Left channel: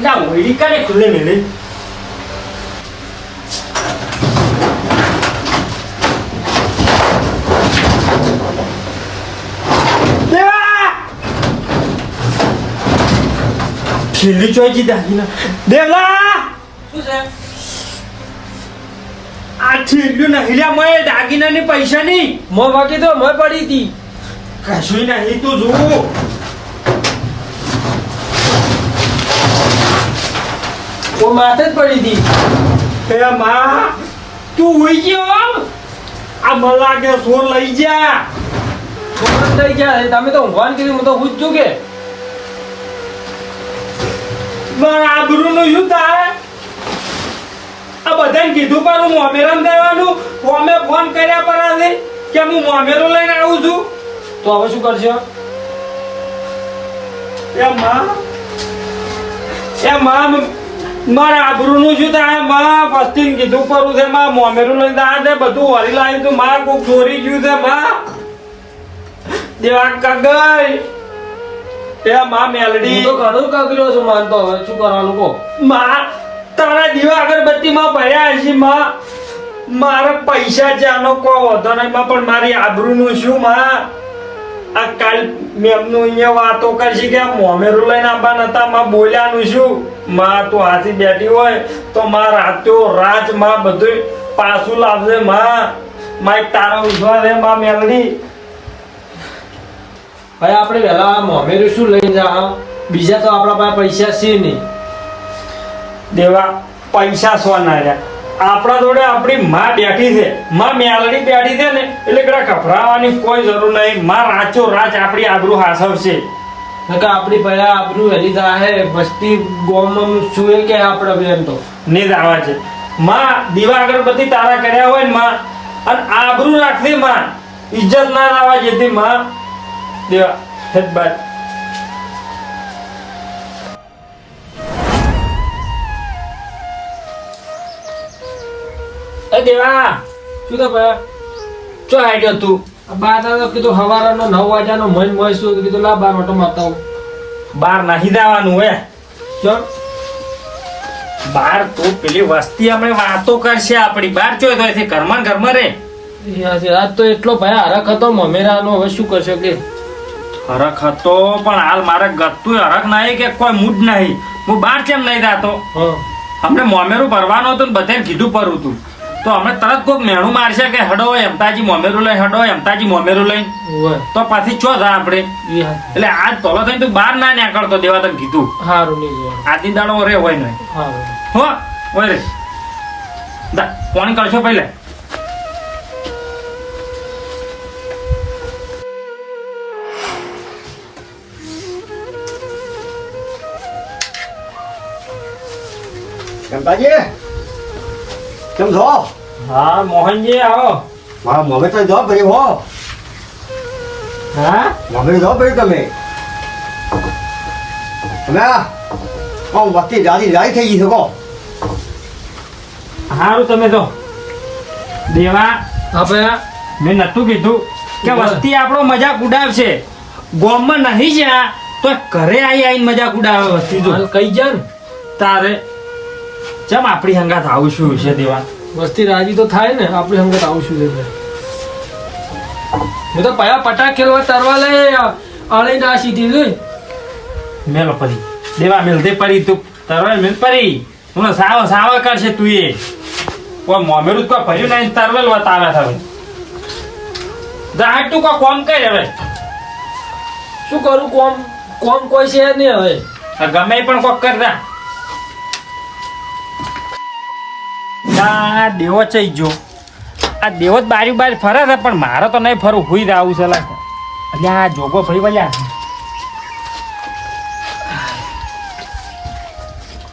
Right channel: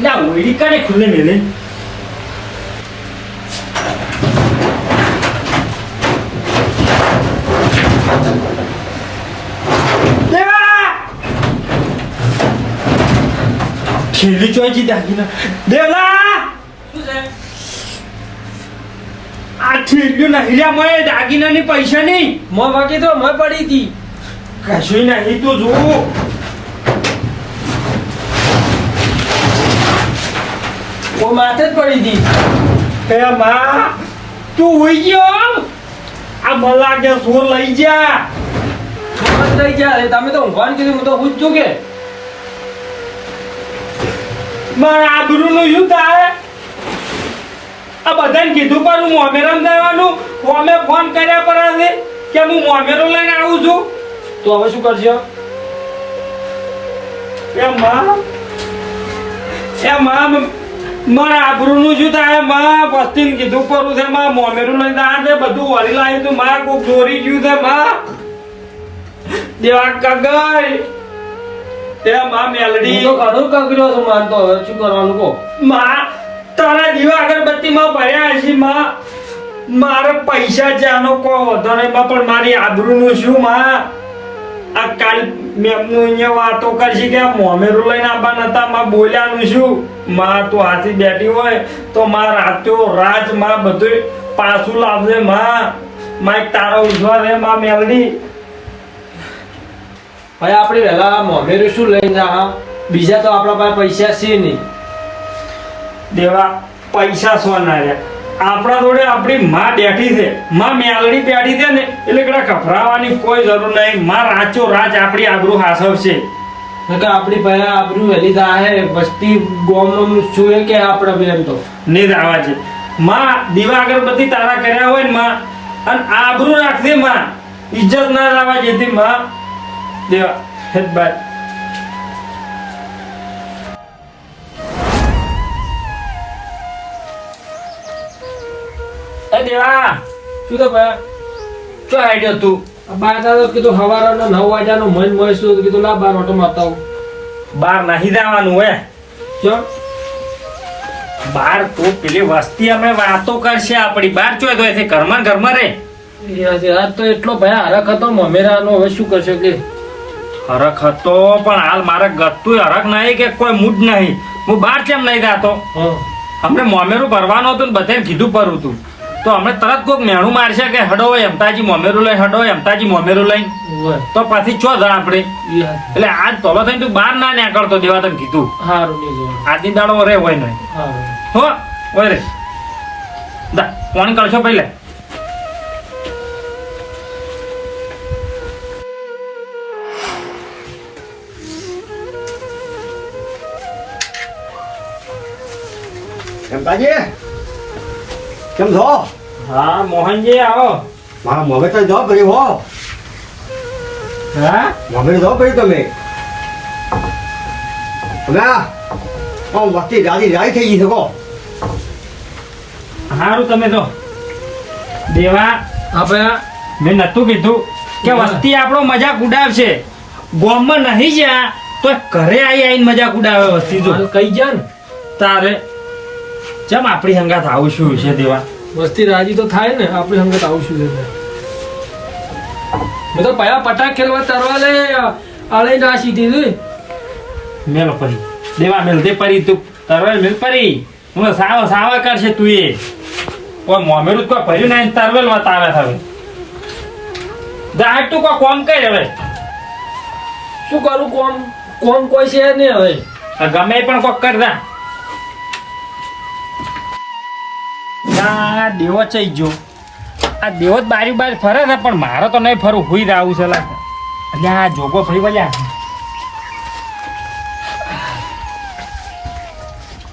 ના ઓઈડી કાને ખુલ્લે મેલે છેલ્લી ચોઈજી દાગીના દેવલા શું છે આ છેલ્લું નહીં લ્યા મોય દાગીનાની પૈસા નહીં મો બાકી તો મો પડી હતી કશું નહીં તું જોવું ઓ માથે જ પડી હતી હે માં તું હોઈ ગયો આ મલા કે સોર લઈ જા લઈ ગયા તમે તો ઊંઘવાનું કીધું હું તો હું જ છું કે મારા આબરૂનું શું થાય આ બધાને કીધું પણ હું મોમેરામ જવાનું અમે ફોન કર્યા પર આજે કે હું મોમેરો લઈને આવું છું તો હવે શું કરશો એ માં મારા આબરૂનું શું થાય માં વસ્તીને કીધું પરું છે માં મોમેરું લઈને આ દે બધું વળી લાવી તું મારા કોક ચોરી ગયું છે માં દેવા કાગળ એ માં મેલડી હું તો ઘણું કાપી છું માનતો હવે શું કરવાનું કહો માં તારા દીવા અગરબત્તી માં ભર્યા છે માં મારે પૈસા જાનો કોઈ વધો નહીં માં પણ મારી આબરૂનું શું માં આ કાલ મેમનું અહીંયા વાતો કરશી કે આ મોમેરું લઈને આવવા નતા માં બોલ્યાનું શું માં તું હાથી બેઠી હોય તો માં રાતો રાત માં બધું પાછું લાવજે માં તારો વિશ્વાસ હે માં મેલડી હવે આપણે વહેલા મોમેરું શું લઈને જા બીજા તો આપણા પાસે પૈસા છે નહીં દેવા પૈસા સોના રહ્યા આપણા જોડે આપણી માં બેઠી છે માં મેલડી બેઠી છે ને એટલે કડા ગભરાવાની કોઈ જરૂર નહીં માં રાચો રાચ આપણી આબરૂ હાસવશે કે આપણી પહેલા આબરૂ વહેલી થાય વસ્તી ગોમમ શું કે આપણે બેન તો ને જ આવા છે માં દીવા અગરબત્તી તારા કર્યા હોય ને માં અને આબરૂ રાખતી માં ઇજ્જત ના લાવવા જેથી માં દેવા હેત બાદ એ દેવા શું તો ભાઈ ચો આઈડિયો તું બાર કીધું સવારનો 9 વાગ્યાનો મન મળશું કીધું લા બાર ઓટો મારતા આવું બહાર નાહી જવાનું હે ચો બાર તો પેલી વસ્તી આપણે વાતો કરશે આપણી બાર ચોય તો છે ઘરમાં રે આજ તો એટલો ભાઈ હરખ હતો મમેરાનો હવે શું કરશો કે હરખ હતો પણ હાલ મારે ગતું હરખ નહીં કે કોઈ મૂડ નહીં હું બાર કેમ નહીં જાતો હમણે મોમેરું ભરવાનું હતું ને બધાને કીધું પરું હતું તો અમે તરત કોઈક મેણું મારશે કે હડો એમતાજી મોમેરું લઈ હડો એમતાજી મોમેરું લઈ તો પછી ચો જા આપણે એટલે આજ તોલો થઈને તું બહાર ના નીકળતો દેવા તને કીધું સારું નહીં આજની દાડો રે હોય નહીં હો હોય રે દા ફોન કરશો પહેલા કેમ છો? હા મોહનજી આવો મારા મોમે તો જો ભરી હો હા મોમે જો ભરી તમે વસ્તી રાજી રાઈ થઈ ગઈ શકો સારું તમે તો દેવા આપણે મેં નતું કીધું કે વસ્તી આપણો મજાક ઉડાવશે ગોમમાં નહીં જ્યાં તો ઘરે આવીને મજાક ઉડાવે વસ્તી જો કઈ જા ને તારે જેમ આપણી હંગાત આવું શું છે દેવા વસ્તી રાજી તો થાય ને આપણે સમજ આવું શું છે મેં તો પયા પટાક ખેલવા તરવા લે આળે ના સીધી જોઈ મેલો પરી દેવા મેલ દે પરી તું તરવાય મેલ પરી હું સાવ કરશે તું એ કોઈ મોમેરું કોઈ ભર્યું નહીં તરવેલ બતાવે હવે જા તું કોઈ કોમ કર હવે શું કરું કોમ કોમ કોઈ છે નહીં હવે ગમે એ પણ કોક કરતા આ દેવો ચઈ ગયો આ દેવો જ બારી બારી ફરે છે પણ મારે તો નહીં ફરવું હુઈ રાવું છે લાગે એટલે આ જોગો ફરી વળ્યા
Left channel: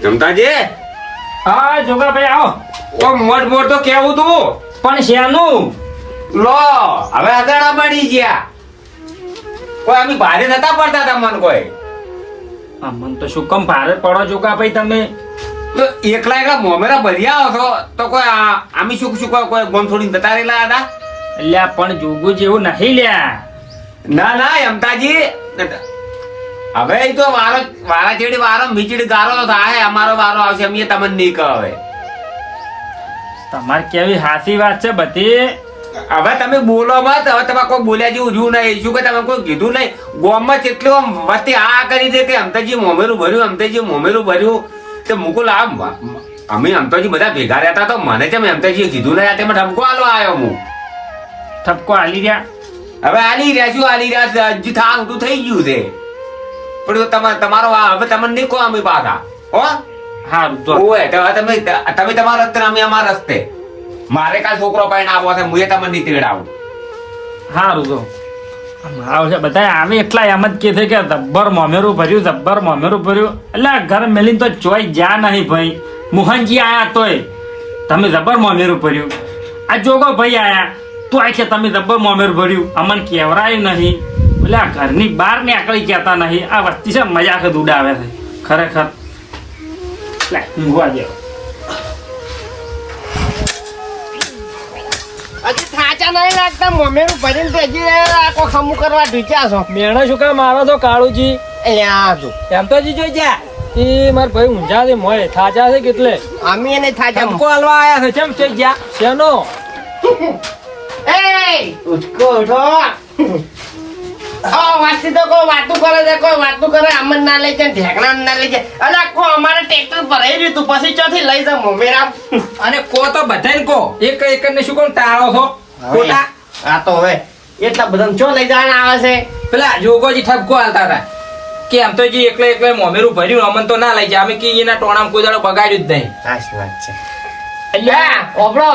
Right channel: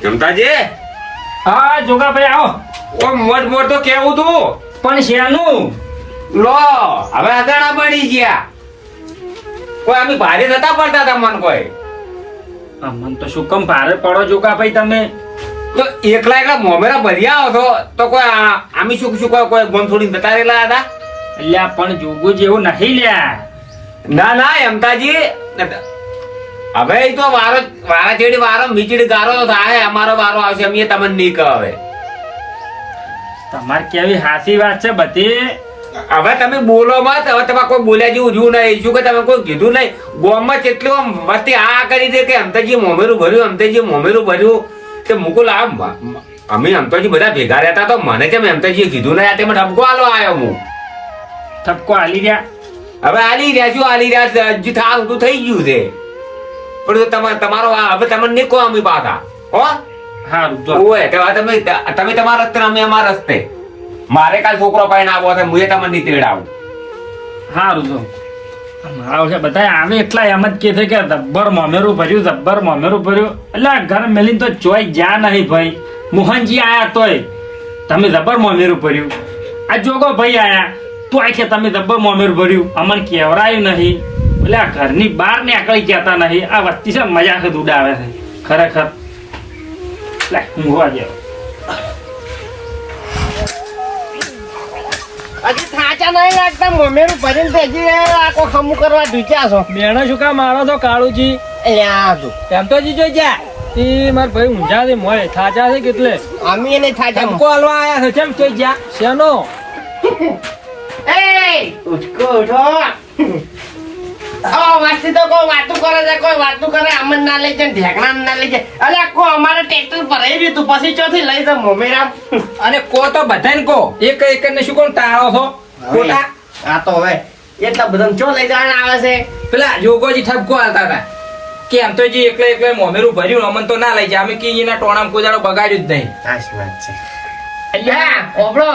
જમતાજી હા જોગા ભાઈ આવો ઓ મોટ મોટ તો કેવું તું પણ શેનું લો હવે અદાણા બની ગયા કોઈ અમે ભારે નતા પડતા તમને કોઈ મને તો શું કમ ભારે પડો જોગા ભાઈ તમે તો એકલા એકલા મોમેરા ભર્યા આવો તો કોઈ આમી શું શું કોઈ ગોમ થોડી જતા રહેલા હતા એટલે પણ જોગો જેવું નહીં લ્યા ના ના એમતાજી હવે ઈ તો વારા ચેડી વારો મીચડી ગારો તો થાય, અમારો વારો આવશે, અમે તમને નહીં કહે હવે. તમારે કેવી હાસી વાત છે બધી. હવે તમે બોલો મત, હવે તમે કોઈ બોલ્યા જેવું રહ્યું નહીં. શું કે તમે કોઈ કીધું નહીં? ગોમમાં કેટલું આમ મસ્તી આ કરી છે કે અમતાજી મોમેરું ભર્યું, અમતાજી મોમેરું ભર્યું. તે મુકુલ અમે અમતાજી બધા ભેગા રહેતા તો મને કેમ અમતાજીએ કીધું નહીં? આ તેમાં ઠપકો આલો આવ્યો હું. ઠપકો હાલી રહ્યા. હવે આલી રહ્યા શું આલી રહ્યા? હજી થાર ઉઠું થઈ ગયું છે. પણ તમારો હવે તમને નહીં કહો અમે પાછા. હો સારું તો ઓય તો તમે તમારા રસ્તે, અમે અમારા રસ્તે. મારે કાલ છોકરો પાઈને આવો છે, હું તમને નહીં તેડાવું. સારું તો આવશે બધા આવે એટલા એમ જ કે છે કે જબ્બર મોમેરું ભર્યું, જબ્બર મોમેરું ભર્યું. એટલે આ ઘર મેલીને તો ચોઈ જા નહીં ભાઈ. મોહનજી આયા તોય તમે જબ્બર મોમેરું ભર્યું. આ જોગો ભાઈ આયા તોય કે તમે જબ્બર મોમેરું ભર્યું. અમને કેવરાયું નહીં. એટલે આ ઘરની બહાર નીકળી કહેતા નહીં. આ વસ્તી છે મજાક જ ઉડાવે છે ખરેખર. લે ઊંઘવા જેવો. હજી થાચા નહીં લાગતા, મોમેરું ભરીને તો હજી આખો ખમું કરવા ઢૂંચ્યા છો. મેણો શું કામ મારો તો કાળુજી? અલ્યા તું એમ તો જીજો જા એ માર ભાઈ ઊંઝા છે મોય થાચા છે કેટલે અમે એને થાચા ઠપકો હાલવા આયા છે કેમ છે જા શેનો એ ઉચકો ઉઠો. વાતથી તો કોઈ વાતું કરે છે, કોઈ વાતું કરે અમન ના લઈ જાય, ઢેકણા ના લઈ જાય. અલા કો અમારે ટ્રેક્ટર ભરાઈ ગયું તું, પછી ચોથી લઈ જાવ મોમેરામ. અને કો તો બધાને કો એક એક ને શું કોણ તાળો છો ખોટા. આ તો હવે એટલા બધા ચો લઈ જવાના આવે છે. પેલા જોગોજી ઠપકો હાલતા હતા કે આમ તો જી એકલે મોમેરું ભર્યું અમન તો ના લઈ જાય. અમે કે એના ટોણામ કોઈ દાડો બગાડ્યું જ નહીં. સાચી વાત છે. અલ્યા ઓબળો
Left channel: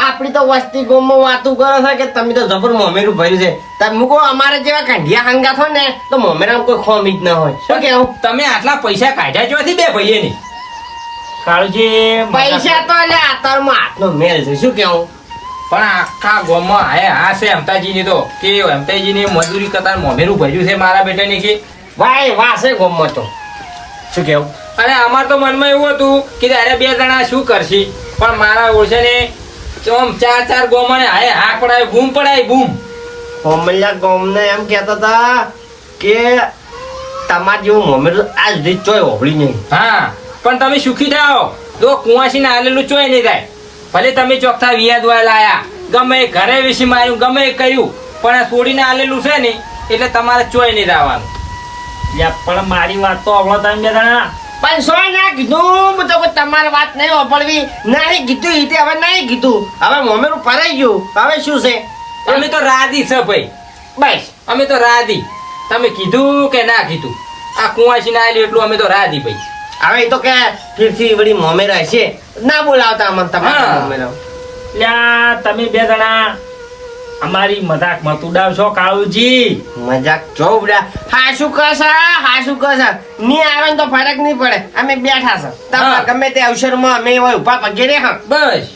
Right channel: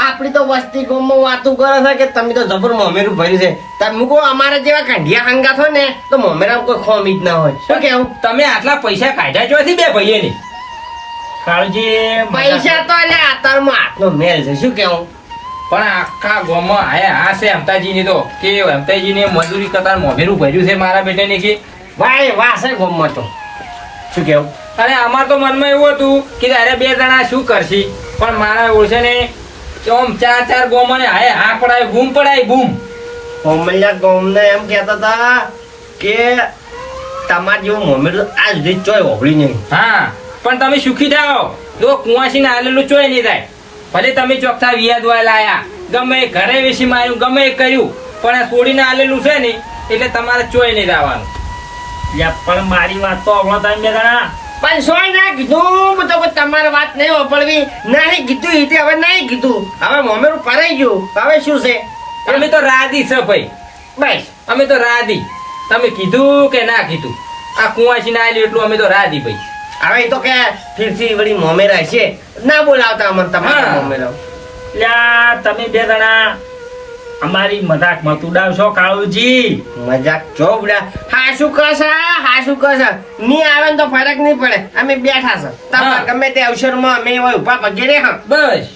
આપણી તો વસ્તી ગોમમાં વાતું કરો છો કે તમે તો જબર મોમેરું ભર્યું છે. તમે મૂકો અમારા જેવા કાંઢિયા હંગાત હોય ને તો મોમેરામ કોઈ ખોમી જ ના હોય. શું કેવું? તમે આટલા પૈસા કાઢ્યા જોથી બે ભાઈએ ની કાળજી પૈસા તો એટલે આતરમાં હાથનો મેલ છે. શું કેવું? પણ આખા ગામમાં આયા આ છે અમતાજી ની તો કે અમતાજી ની મજૂરી કરતા મોમેરું ભર્યું છે મારા બેટાની કે ભાઈ વાસે ગોમમાં તો. શું કેવું? અને અમાર તો મનમાં એવું હતું કે અરે બે જણા શું કરશી, પણ મારા ઓળશે ને ચોમ ચાર ગોમને હાય હાક પડાય બૂમ પડાય બૂમ. હોમલ્યા ગોમને એમ કહેતા હતા કે તમાર જેવું મોમેરું આજ સુધી ચોય ઓગળી નહીં. હા પણ તમે સુખી થાઓ, જો કુંવાસી ને આલેલું ચોય નહીં થાય. ભલે તમે ચોખ્ઠા વિયા દોય લાયા, ગમે એ ઘરે વેસી માર્યું, ગમે એ કર્યું, પણ આ છોડીને આલેલું છે ને એટલે તમારે ચોય નહીં જવાનું. પણ મારી વાત તો અવળો તમે બે જણા પણ સોય ના કીધું તો કોઈ તમારી વાત નહીં ઓપડવી નહીં કીધું ઈ તે હવે નહીં કીધું. હવે મોમેરું પરાઈ ગયું, હવે શું છે? અમે તો રાધી છે ભાઈ, બસ અમે તો રાધી. તમે કીધું કે ના કીધું, આ કુંવાસી ના આલી એટલું અમે તો રાધી ભાઈ. હવે ઈ તો કે ફીરથી વળી મોમેરા છે ના બોલાવતા અમને તમારે હા. મોમેરા. લ્યા તમે બે જણા અમારી મજાક મત ઉડાવશો કાળુજી. મજાક જોવડા હા શું કહેશે ની આવે ને તો ફરક નહીં પડે. અમે બેઠા છે તમારે હા. ગમે તે અવસરમાં અમે હોય ઉભા પગે રે. હા બસ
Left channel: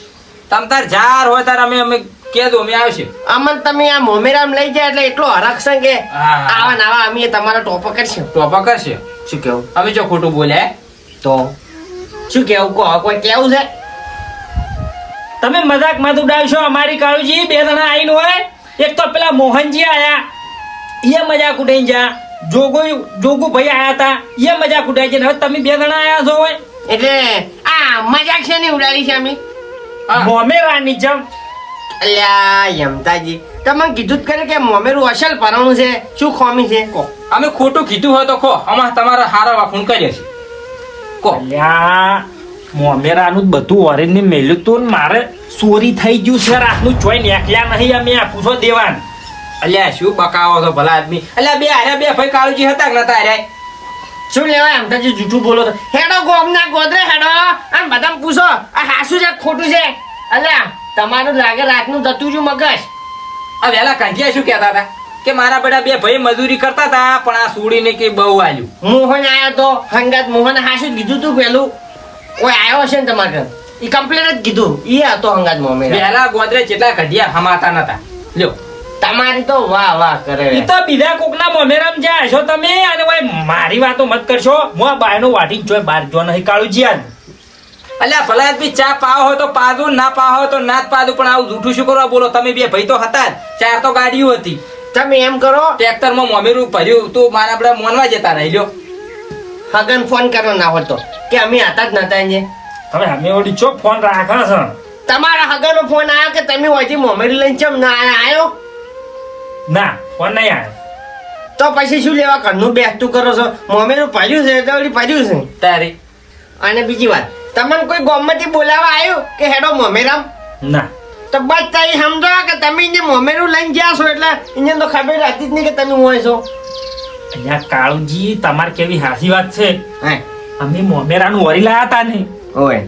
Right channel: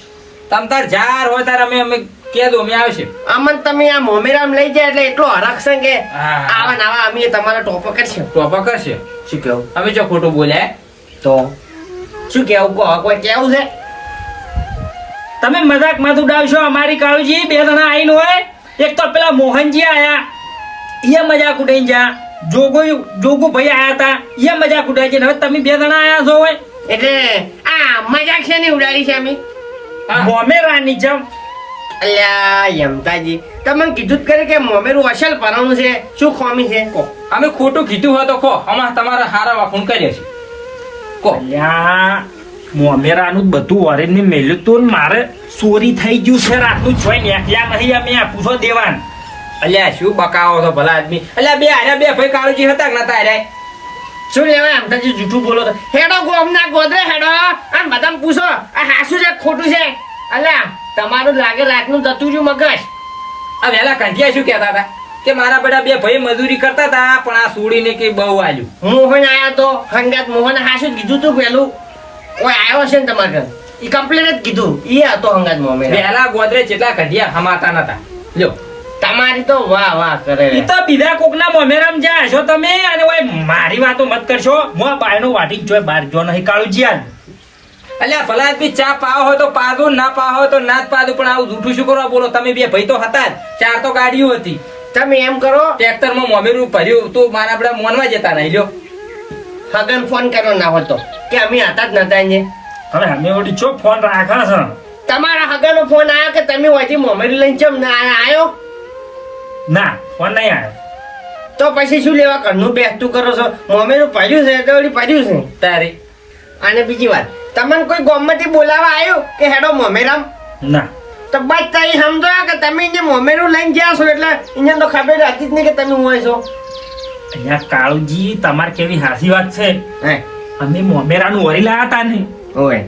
તમ તાર જાર હોય તાર અમે કહેજો અમે આવશે. અમન તમે આ મોમેરામ લઈ જાય એટલે એટલો હરખ છે કે હા. આવા નાવા અમે તમારો ટોપો કરશે. ટોપા કરશે. શું કેવું? અમે જો ખોટું બોલ્યા તો શું કેવું કહો? કોઈ કેવું છે? તમે મજાક મત ઉડાવશો અમારી કાળુજી. બે જણા આવીને હોય, એક તો પેલા મોહનજી આયા એ મજાક ઉડાઈ જા, જોગુ ભાઈ આયા હતા એ મજાક ઉડાઈ છે. હવે તમે બે જણા આયા છો હોય એટલે આ મજાક છે ને ઉડાડી છે અમે. મોમેરાની જેમ. અલ્યા યમતાજી તમે કીધું જ કરે કે મોમેરું અસલ પરણું છે, શું ખોમી છે? કહો. અમે ખોટું કીધું હોય તો ખો અમાર તમારા હારા વાફું કરીએ છીએ. કહો. અલ્યા મોમેરાનું બધું ઓરેન્જ મેલ્યું તું ને મારે ચોરી થઈ ગયું છે. રાતનું જોઈ નીકળ્યા નહીં અમે આપું છો દેવાન. અલ્યા શું બકાવો છો ભલા આદમી. અલ્યા બે હાર્યા બે ભાઈ કાળુજી હતા કે નતા હાર્યા? શું લેવાય યમતાજી જૂઠું બોલો તો? હેડો ગોમના ગોદરે હેડો અને બધાને પૂછો આ હાસું છે ખોટું છે. અલ્યા તમારું લાગે રાતનું જતું રહ્યું મગજ. આ વેલા કંઠિયા શું કહેતા હતા કે મારા બેટા બે ભાઈ મજૂરી કરતા હતા પણ આ સુડીને કે બહુ આલ્યું. મોહન આયો તો હંગાત મોહન હાસું જ કીધું તું પેલું ઓય આવ્યો છે ને તમારે ઘર ઈ કમ્પ્લેટ જ કીધું ઈ હતો હંગાત મોમે. વેલા ગોદરે જેટલા કંઠિયા હમાતા નતા. લ્યો તમારી તો વાહ વાહ કરે. ઈ તો બીજા કોકના મોમેરામ જાય છો તમે. અને ભાઈ મારી વાતો મત કરશો. હું બાયનું વાટી જોઈ બાર જો નહીં કાળુજી. આ અલ્યા ભલા આદમી ચા પાવો હોય તો પાદું, ના પાવો હોય તો ના જ પાદું, પણ આવું જૂઠું શું કરવા બોલો? તમે બે ભાઈ તો હતા જ, ચાર તો ગાડીઓ હતી. તમે એમ કરો ટ્રેક્ટરમાં મોમેરું ભર્યું તો મારા બધા મોનવા જતા રહી લ્યો. હગન ફોન કરો ના હોતો કે અમે હતા જ નતા અહીંયા. હવે અમે ઓડી ચો ફોન રાખે છે. તમારા હગનનો ફોન આવ્યો કે તમે હોયથી મોમેરું લઈને ચમ ના આવ્યો? ના ફોન નહીં આવ્યો. તો પછી શું લેવા ઘરનું બેસતું કરો છો? મોમેરું ભર્યું છે તો ઓલી ભર્યું છે. તારી અને બીજી વાત, તમને કોઈ ગામમાંથી બોલાવા આવ્યું કે હેડો મોમેરામ? ના તો બસ તારી સમજો કે તમે જે મોમેરું લઈને ગયા છો એટલે અહીંયા તો ખબર હતી જ નહીં કે તમે હોય છો. અહીંયા કાળુજી તમારે કેવી હાસી વાત છે. હે અમે મોમેરાનું વરી લાયા હતા ને ઓય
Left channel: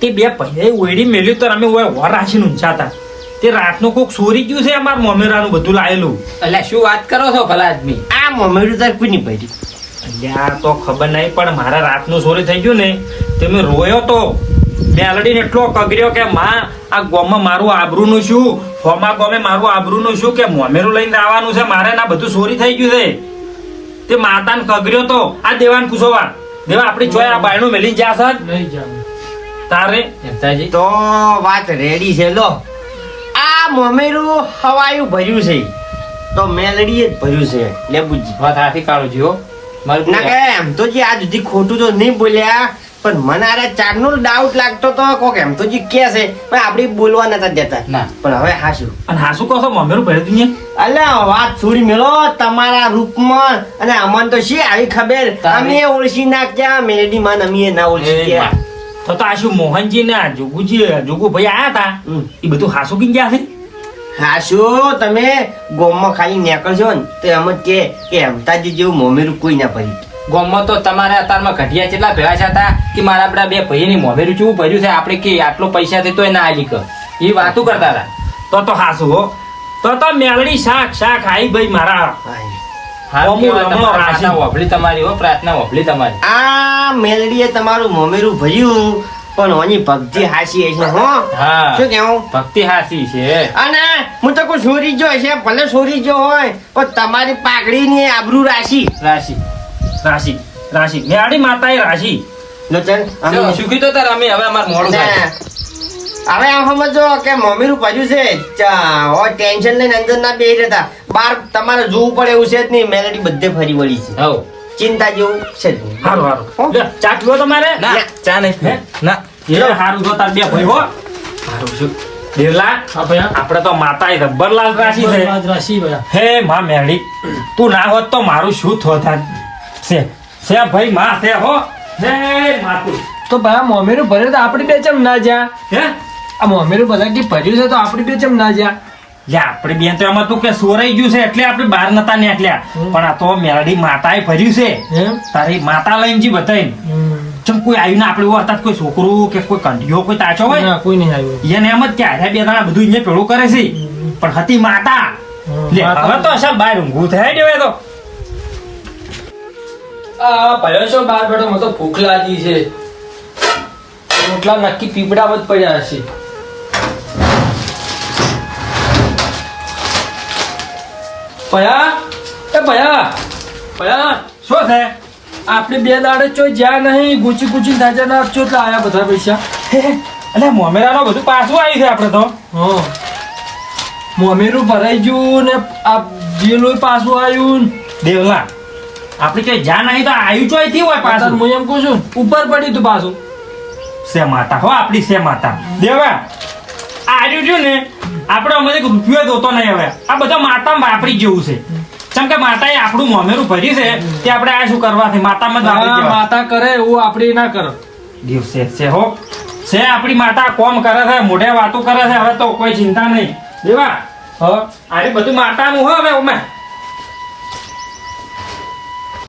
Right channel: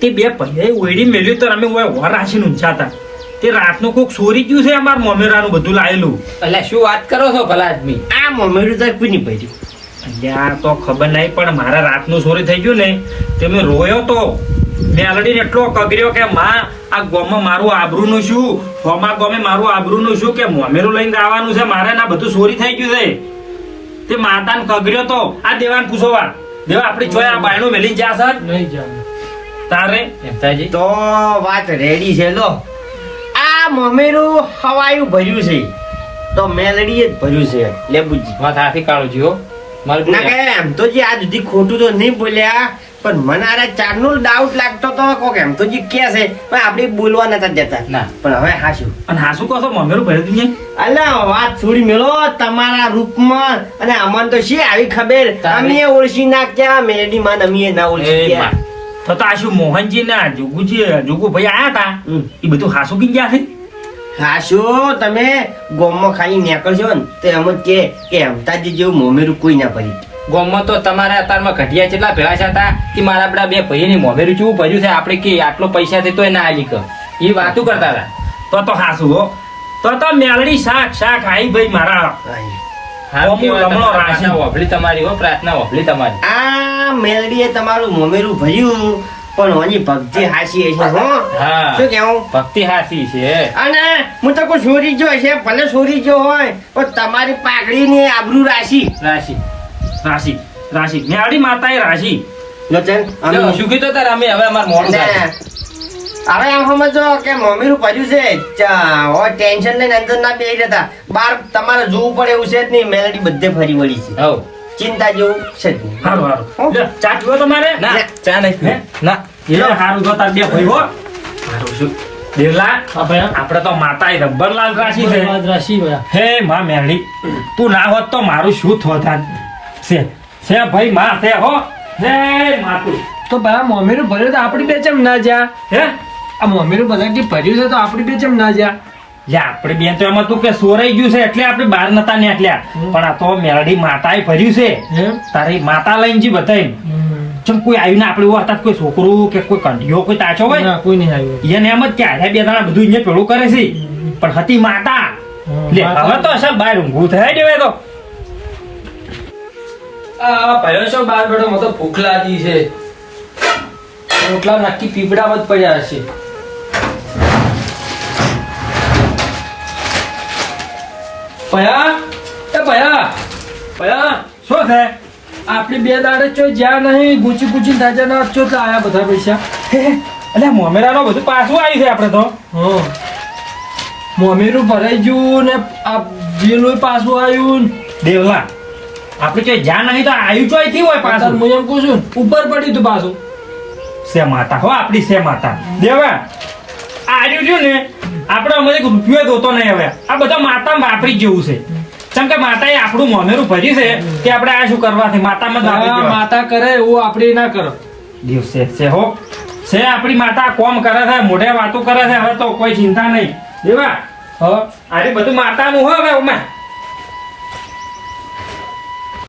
તે બે પૈયા ઓયડી મેલ્યું તો અમે ઓય વર રાશીને ઊંચાતા. તે રાતનું કોક ચોરી ગયું છે અમાર મોમેરાનું બધું લાયેલું. એટલે શું વાત કરો છો ભલા આદમી? આ મોમેરું તાર કોની પડી? અહીંયા તો ખબર નહીં પણ મારા રાતનું ચોરી થઈ ગયું ને તે મેં રોયો તો મેલડીને એટલો કગર્યો કે માં આ ગામમાં મારું આબરૂનું શું, હોમા ગામે મારું આબરૂનું શું કે મોમેરું લઈને આવવાનું છે મારે ના બધું ચોરી થઈ ગયું છે. તે માતાને કગર્યો તો આ દેવાન પૂછોવા દેવા આપણી જોઈ આ બાયણું મેલી જા સર નહીં જામ. તારે હેમતાજી તો વાત રેડી છે. લો આ મોમેરું હવાયું ભર્યું છે તો મેલડીએ જ ભર્યું છે લેબુજી. વાત હાથી કાઢો છો મારું ના કે એમ તો જે આજ સુધી ખોટું તો નહીં બોલ્યા પણ મને આ ચારનો ડાઉટ લાગતો તો કોક એમ તો જે કે છે પણ આપણે બોલવા નતા દેતા. ના. પણ હવે હાશું અને હાસુ કહો છો મોમેરું ભર્યું તું ને અલ્યા વાત છોડી મેલો તમારા રૂપમાં અને અમન તો શી આવી ખબર તારે. અમે ઓળખી નાખ્યા મેલડી માં અમે ના ઓળખી ગયા. તો આ શું મોહનજી ના જોગુભાઈ આયા હતા હમ. એ બધું હાસુ કઈ ગયા છે. હાશું તમે ગોમમાં ખાલી નીકળશો ને તો એમ જ કે હેમતાજી જેવું મોમેરું કોઈ ના ભર્યું. ગામમાં તો તમારા અત્યારમાં ઘટિયા કેટલા ભેળા છે હતા કે મારા આપડા બે ભાઈની મોમેરું ચેવું ભર્યું છે આપણે કે આટલો પૈસા થી તોય ના આલી કર એ વાતું કરતા હતા. તો હાસુ હો તો મેલડી શાક આઈ ભાઈ મારા હારું અમુક કહેવાય, અમુક તમારી રાશિ. પ્રાર્થના વહોભળી તમારી હો, પ્રાર્થના વહોભળી તમારી. આ મેલડીએ તમારું મોમેરું ભર્યું પણ ઓની ભક્તિ હાસી હશે હો. હા શું કેવું? ભક્તિ હાસી છે. અને હું તો કોઈ ચોરી જો હશે ભલે ચોરી જો હોય પણ તમારી પાઘડીની આબરૂ રાશી. રાશિ મેલડી માતાએ રાશિ. નતન, અમે- જો, શું કીધું તારે અમે હવે અમારું મોડું ને, થાય. હવે એમ સમજો કે મમ્મીનું ભર્યું છે ટેન્શન લઈને અંદર ના બેહી રહેતા બાર તમારે જોવું પડે એવું છે જ નહીં. મેલેડી બધે ફરી વળી છે, હઉ. ચિંતા જેવું છે જ નહીં. હારું હો? લ્યો, ચા પીવો તમારે ના ચા નહીં પીવો. ના એ હારું તો તાર બે ભાઈ હો હારું છું દેવલા આપણે તો માતાએ રબ્બરલાલ રાશિ છે. હે માં મેલડી તું ના હોત તો મારું શું થોત છે ભાઈ માં છે હો. હે માતું તો બા મોમેરું ભર્યું તો આપણી બે ચમ ના જા? હે આ મોમેરું બધા જે ભર્યું છે તો આપણી બે ચમ ના જા? લે આપણે બેન તો એમાં તું કે સોરાઈ ગયું છે એટલે આપણે બહાર નતા નીકળ્યા પણ આ તો મેલડી માતાએ ભર્યું છે. એમ? તારી માતા લઈને જી બતાવીને ચમ કોઈ આવ્યું ને આપણે અર્થાત કોઈ છોકરું કે કોઈ કંઢીઓ કોઈ તાચો હોય ના, કોઈ નહીં આવ્યું. એને એમ જ કે આર્યા બે દાડા બધું અહીંયા પેલું કરે છે પણ હતી માતા. લે માતા. હવે તો અસલ બહાર ઊંઘું થાય દેવે તો આ ભર્યો છો બાર બેઠો મને તો ભૂખ લાગી છે. રોટલા નક્કી પીપળામાં જ પડ્યા હશે. ભયા એ ભયા શું છે આપણી બે દાડે ચો જ્યાં નહીં ગુચી તાજા ના ચો તો આયા બધા પૈસા. એટલે મોમેરાનો બધું પાછું આવ્યું છે આપણે તો હા, મોમેરું ભરાઈ ગયું ને આ બિલોય પાછું આવ્યું ને. દેવલા આપણે કે જ્યાં નહીં તો આવ્યું ચોયથી હોય પાછળ પાછું હું એમ કહું છું ને, ઉપર પડ્યું તું પાછું. સે માતા હો આપણી સે માતા દેવા આવ્યું રહ્યું ને આપણે અમે રૂપિયો જોતો નહીં હવે આ બધા માતામાં વાપરી જ જેવું છે કેમ કે માતાએ આપણું મોમેરું ભર્યું છે તે આપણે આ શું કરવાથી માતામાં જ વાપરી આ દેવા. માતા કરે એવું આપણે ના કરો. દિવસે છે હો છે આપણી માતા કોમ કરે છે મોઢે વાતો કરે છે હવે તો કોઈ ચિંતા નહીં દેવા હા, આજે બધું માતાનું હો હવે ઉમા